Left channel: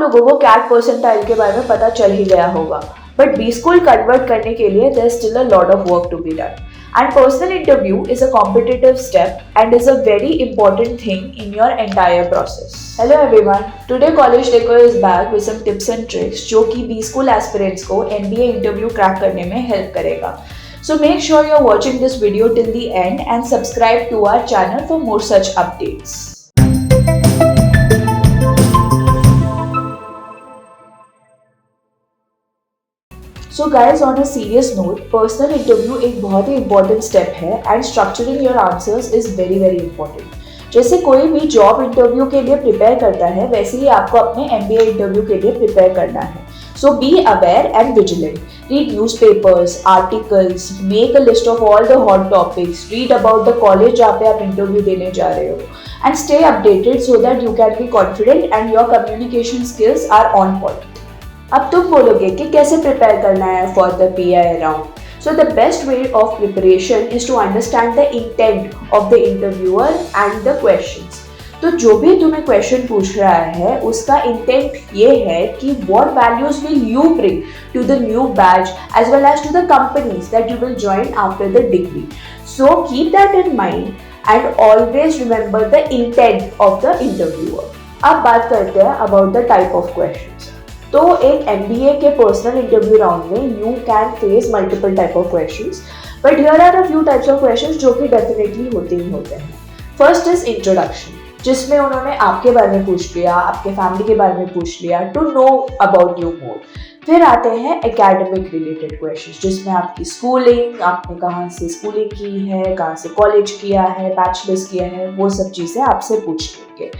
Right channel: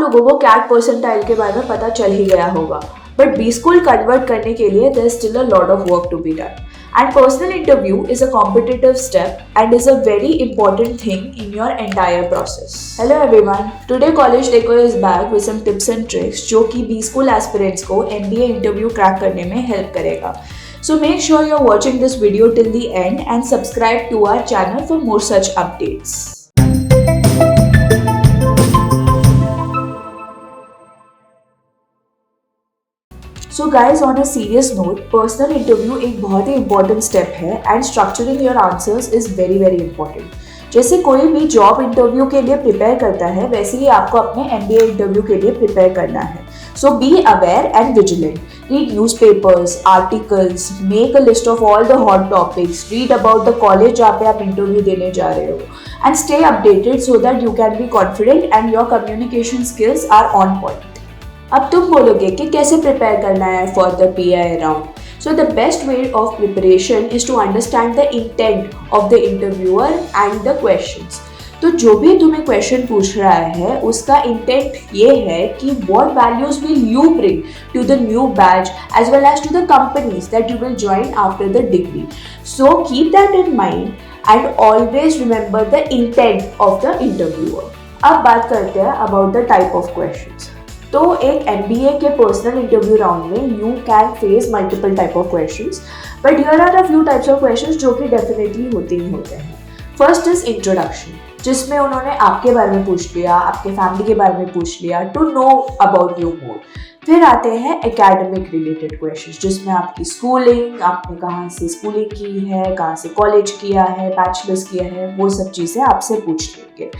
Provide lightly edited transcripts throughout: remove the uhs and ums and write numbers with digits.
आप लोगों को कैट परसेंटाइल के बारे में पता चल ही गया होगा, बट बी स्कूल कन्वर्ट करने के लिए there is still a lot of work to be done. And personal interview is a competitive step and is a very important thing in your entire process. Hello everyone, today College Deco is back with some tips and tricks जो कि B School aspirants को MBA interview crack करने में help करेगा. So make sure you're watching this video till the end and subscribe to our channel for more such updates. So guys, on a serious note, personal interview एक बहुत ही important step है and structuring your answers is very very important. जैसे कोई भी job interview के लिए prepare करता है, वैसे ही आपको अपने MBA इंटरव्यू के लिए प्रिपेयर करना है. So be aware and vigilant. Read newspapers, articles, make a list of all the hot topics, read about the college जहाँ पे आप इंटरव्यू देने जा रहे हो, and stay updated so that you can be confident and your communication skills are on point. अब तुम बोलोगे कि कैसे प्रिपेयर करना है for the PI round. So the best way of preparation is to understand the intent of the interviewer and the questions. तो जो भी तुम्हें क्वेश्चन पूछ रहा है उसका इंटेंट ये है कि what values will you bring to the new batch as well as to the companies that you will join after the degree. So keep that in mind and always remember the intent of the interviewer. अब बात करते हैं about the type of questions. तो एक MBA के personal interview round में you can face multiple type of questions, but here are a few types of questions जो कि डेफिनेटली होते ही होते हैं. फर्स्ट इज इंट्रोडक्शन, जिसमें उन्होंने आपके बारे में पूछ लिया, आपके फैमिली के बारे में पूछ लिया, to know about you more. फिर आते हैं एकेडमिक रिलेटेड क्वेश्चंस, जिसमें आपकी स्कूलिंग, आपने कहाँ से स्कूलिंग की है, कहाँ से कॉलेज किया है, बैचलर्स किया है, वो सब चीज़ें आपसे पूछ लेंगे.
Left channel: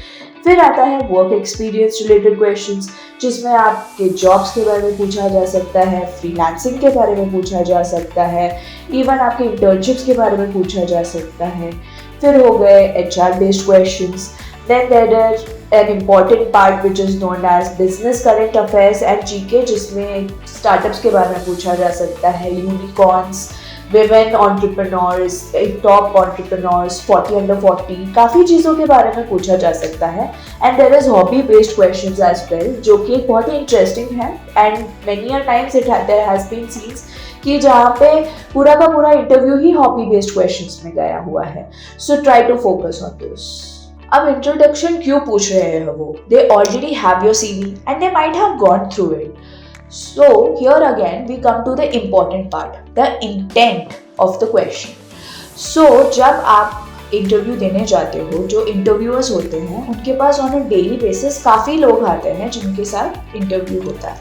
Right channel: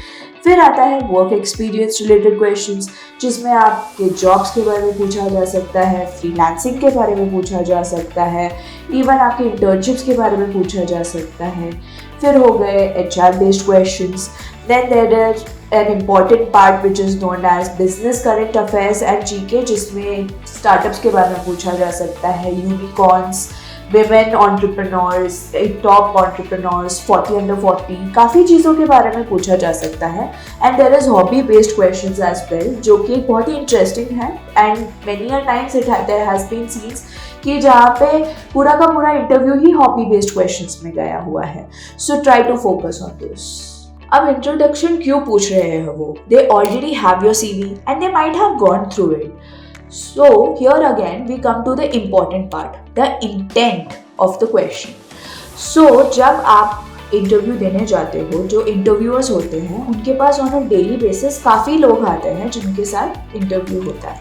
फिर आता है वर्क एक्सपीरियंस रिलेटेड क्वेश्चंस, जिसमें आपके जॉब्स के बारे में पूछा जा सकता है, फ्रीलांसिंग के बारे में पूछा जा सकता है, इवन आपके इंटर्नशिप्स के बारे में पूछा जा सकता है. फिर हो गए HR based questions. Then there is an important part which is known as business current affairs and GK, जिसमें स्टार्टअप्स के बारे में पूछा जा सकता है, unicorns, women entrepreneurs, top entrepreneurs, 40 under 40, काफ़ी चीज़ों के बारे में पूछा जा सकता है. And there is hobby based questions as well, जो कि बहुत ही interesting है. And many a times there has been scenes कि जहाँ पे पूरा का पूरा इंटरव्यू ही हॉबी बेस्ड क्वेश्चंस में गया हुआ है. So try to focus on this. अब इंट्रोडक्शन क्यों पूछ रहे हैं वो? They already have your CV and they might have gone through it. So here again we come to the important part, the intent of the question. So जब आप interview देने जाते हो, जो इंटरव्यूअर्स होते हैं उनके pass on a daily basis काफ़ी लोग आते हैं जिनके साथ इंटरव्यू होता है.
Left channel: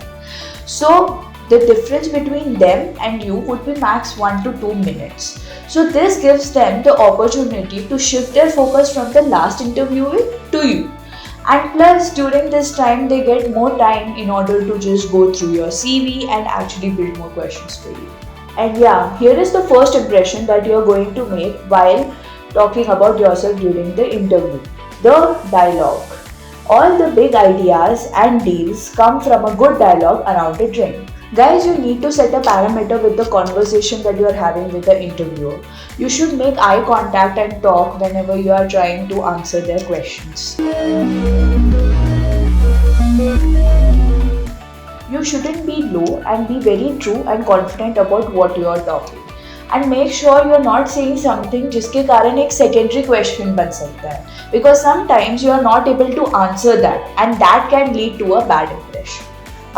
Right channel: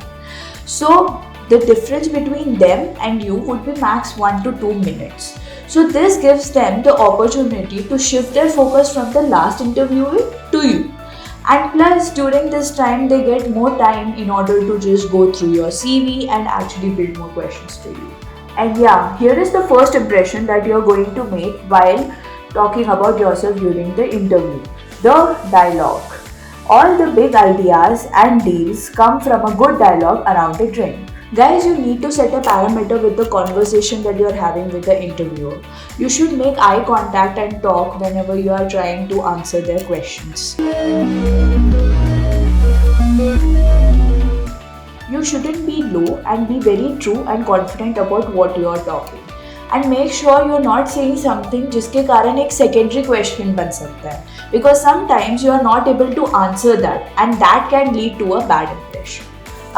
So the difference between them and you would be max 1 to 2 minutes. So this gives them the opportunity to shift their focus from the last interview to you. And plus during this time they get more time in order to just go through your CV and actually build more questions to you. And yeah, here is the first impression that you are going to make while talking about yourself during the interview. The dialogue. All the big ideas and deals come from a good dialogue around a drink. Guys, you need to set a parameter with the conversation that you are having with the interviewer. You should make eye contact and talk whenever you are trying to answer their questions. You shouldn't be low and be very true and confident about what you are talking. And make sure you are not saying something जिसके कारण एक secondary question बन सकता है. Because sometimes you are not able to answer that and that can lead to a bad impression.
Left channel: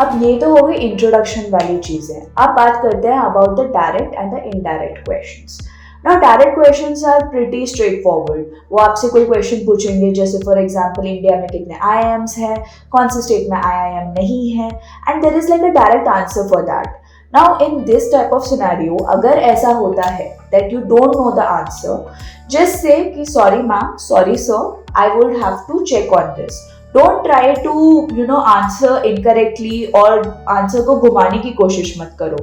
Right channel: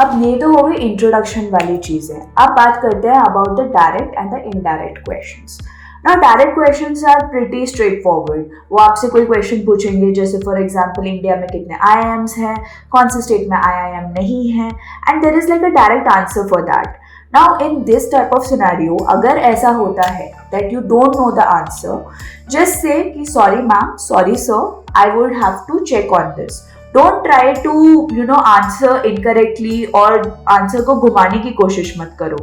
अब ये तो हो गई इंट्रोडक्शन वाली चीज़ें. अब बात करते हैं about the direct and the indirect questions. Now direct questions are pretty straightforward. वो आपसे कोई क्वेश्चन पूछेंगे, जैसे फॉर एग्जांपल इंडिया में कितने IIMs हैं, कौन से स्टेट में IIM नहीं है, and there is like a direct answer for that. Now in this type of scenario अगर ऐसा होता है that you don't know the answer, just say कि sorry ma'am, sorry sir, I would have to check on this. Don't try to answer incorrectly और answer को घुमाने की कोशिश मत करो,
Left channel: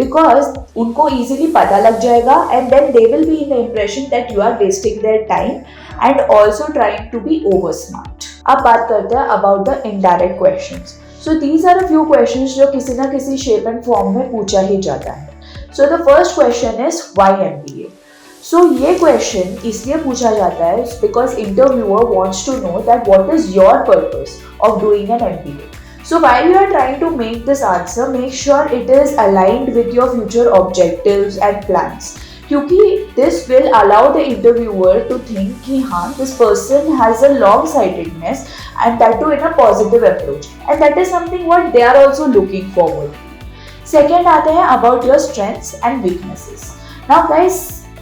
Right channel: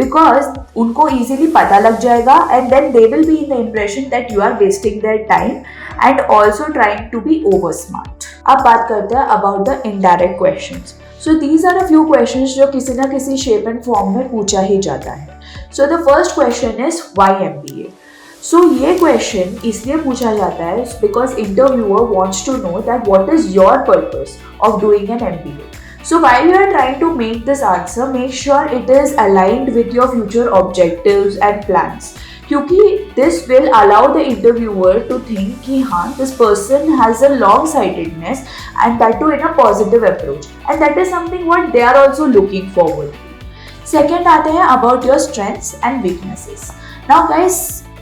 because उनको easily पता लग जाएगा and then they will be in the impression that you are wasting their time and also trying to be over smart. अब बात करते हैं about the indirect questions. So these are a few questions जो किसी ना किसी shape and form में पूछा ही जाता है. So the first question is why MBA? So ये क्वेश्चन इसलिए पूछा जाता है because interviewer wants to know that what is your purpose of doing an MBA. So while you are trying to make this answer, make sure it is aligned with your future objectives and plans. क्योंकि this will allow the interviewer to think कि हाँ this person has a long sightedness and that too in a positive approach, and that is something what they are also looking forward to. Second आते हैं about your strengths and weaknesses. Now guys,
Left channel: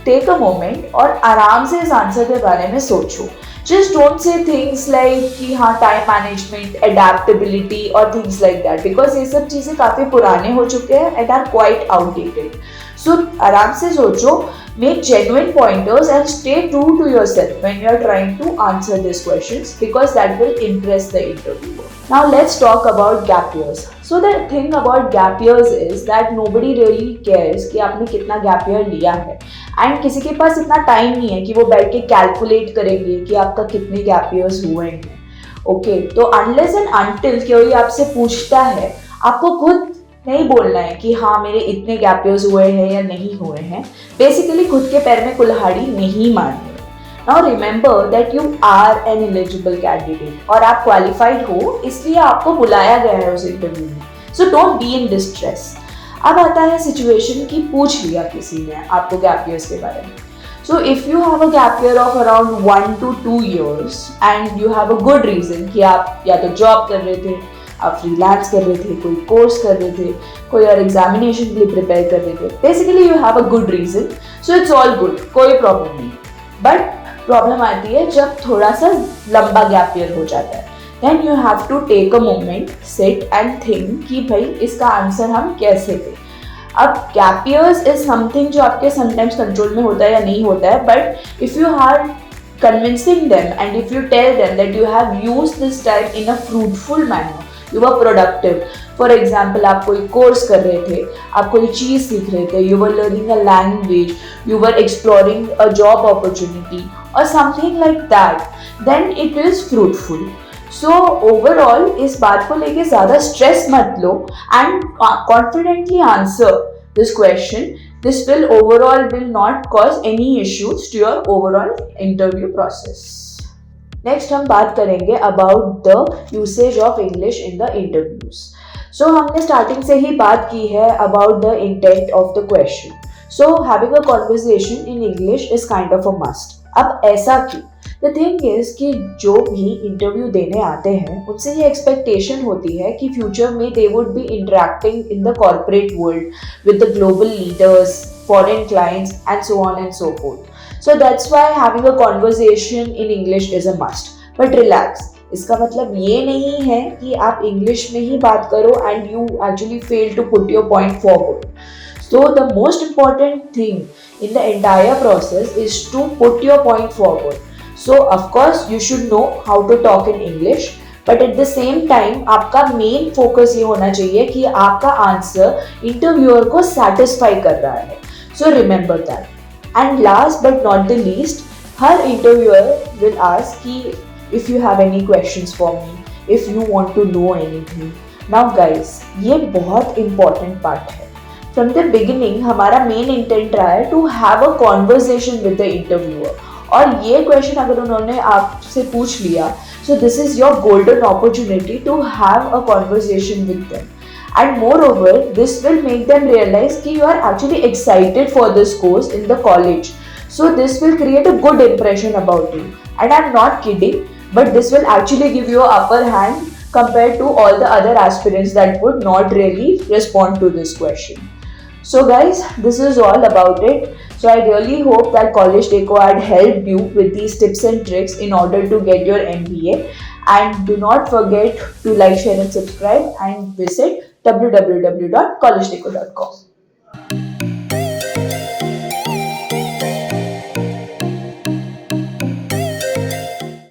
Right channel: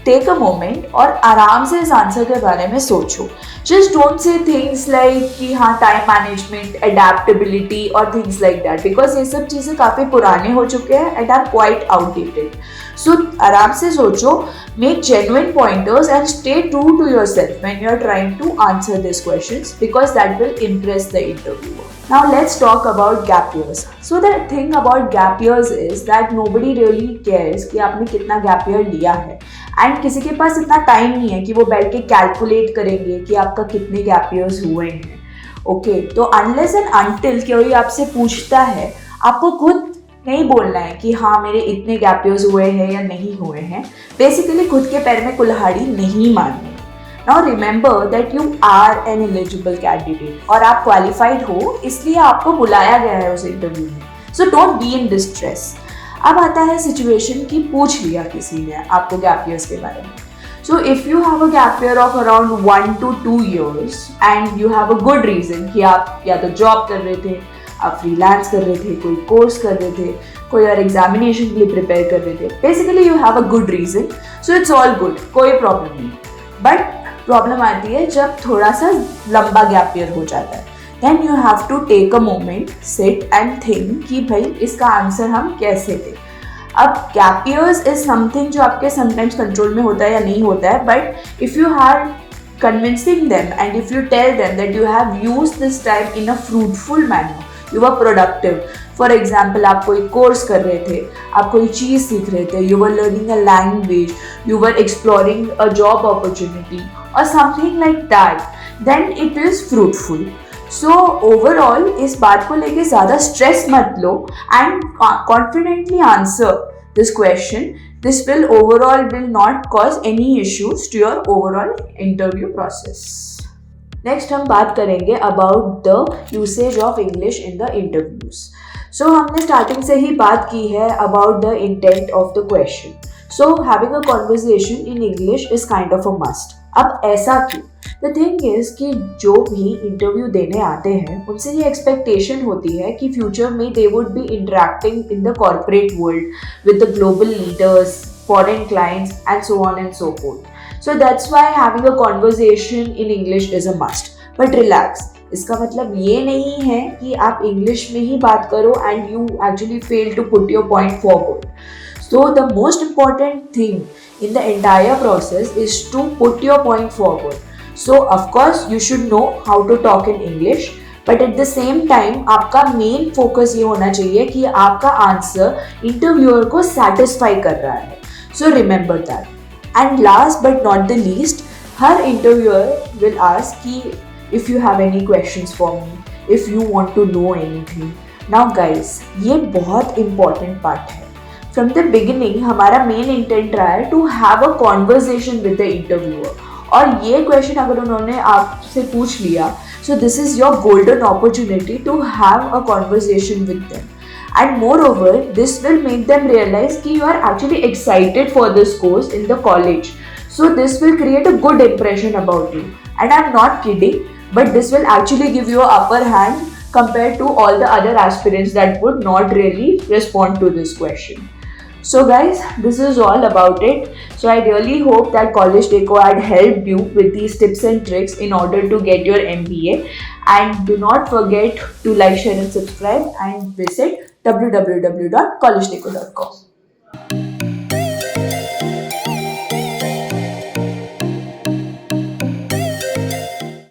take a moment और आराम से इस answer के बारे में सोचो. Just don't say things like कि हाँ time management, adaptability और things like that, because ये सब चीज़ें काफ़ी पुराने हो चुके हैं and are quite outdated. So आराम से सोचो, make genuine pointers and stay true to yourself when you are trying to answer these questions, because that will impress the interviewer. Now let's talk about gap years. So the thing about gap years is that nobody really cares कि आपने कितना gap year लिया है, and किसी के पास इतना time नहीं है कि वो बैठ के कैलकुलेट करेंगे कि आपका कितने गैप ईयर्स हुए हैं. ओके, तो अनलेस एंड अनटिल कोई आपसे पूछता है, आपको खुद नहीं बोलना है कि हाँ मेरे इतने गैप ईयर्स हुए हैं या नहीं हुए हैं. बेसिकली खुद के पैर में कुल्हाड़ी नहीं मारनी. Now remember that you are an eligible candidate और आप क्वालिफाइड हो, इसलिए आपको बुलाया गया है उस इंटरव्यू में. So don't be in distress. अब आता है सिचुएशन की पूछ लिया किसी ने आपको गैप ईयर्स के बारे में. So if you have a gap year of around 1 to 2 years and you have a good reason कि आप या तो जॉब कर रहे थे, आप फ्रीलांस कर रहे थे, कोई कोर्स कर रहे थे, कोई और एग्जामिनेशन के लिए प्रिपेयर कर रहे थे, basically you have a good reason, so it's all good, कोई प्रॉब्लम नहीं. बट प्रॉब्लम आती है जब थोड़ा सा लंबा गैप ईयर हो जाता है. Then you have to take a moment, sit and think कि भाई इसका आंसर हम कैसे दें. अब gap years is something जो आपके sometimes control में होता है या नहीं होता है, but if you are convincing them and if you tell them that you have used this time in a fruitful manner, you were productive. For example, आप कोई कोर्स कर रहे थे, आप कोई चीज़ सीख रहे थे, you were learning a language, you were exploring a job opportunity or something like that, then it is fruitful. So overall इस बात को लेके ज़्यादा स्ट्रेस मत लो and confidently answer this question. This will not cause any issues to your overall interview process. Next हम बात करेंगे about the usage of English in the interviews. So हमने स्टार्टिंग से ही बात की है about the intent of the question. So having a conversation in English is kind of a must. अब ऐसा क्यों? द थिंग इज कि जो भी इंटरव्यू देने आते हैं उनसे ये एक्सपेक्टेशन होती है कि फ्यूचर में they would be interacting in the corporate world with the global leaders, foreign clients and so on and so fourth. So that's why having a conversation in English is a must. But relax, इसका मतलब ये नहीं है कि आप English में ही बात करो and you actually fail to put your point forward. So the most important thing in the entire process is to put your point forward. So of course you should know how to talk in English, but at the same time आपका main focus ये होना चाहिए कि आपका answer interviewer को satisfy कर रहा है. So remember that. And last but not the least, her interviewer will ask कि if you have any questions for me, if you want to know anything. Now guys, ये बहुत important part है. From the beginning हमारा main intent रहा है to have a conversation with the interviewer. और ये question अगर उन्होंने आपसे पूछ लिया, so this is your golden opportunity to have a conversation with them. And moreover this will make them realise कि you are actually excited for this course in the college. So this will create a good impression about you. And I'm not kidding, but this will actually give you an upper hand compared to all the other aspirants that would not really respond to this question. So guys, this is all about it. So I really hope that College Deco had helped you with these tips and tricks in order to get your MBA. And do not forget to like, share and subscribe, and visit www.collegedeco.com.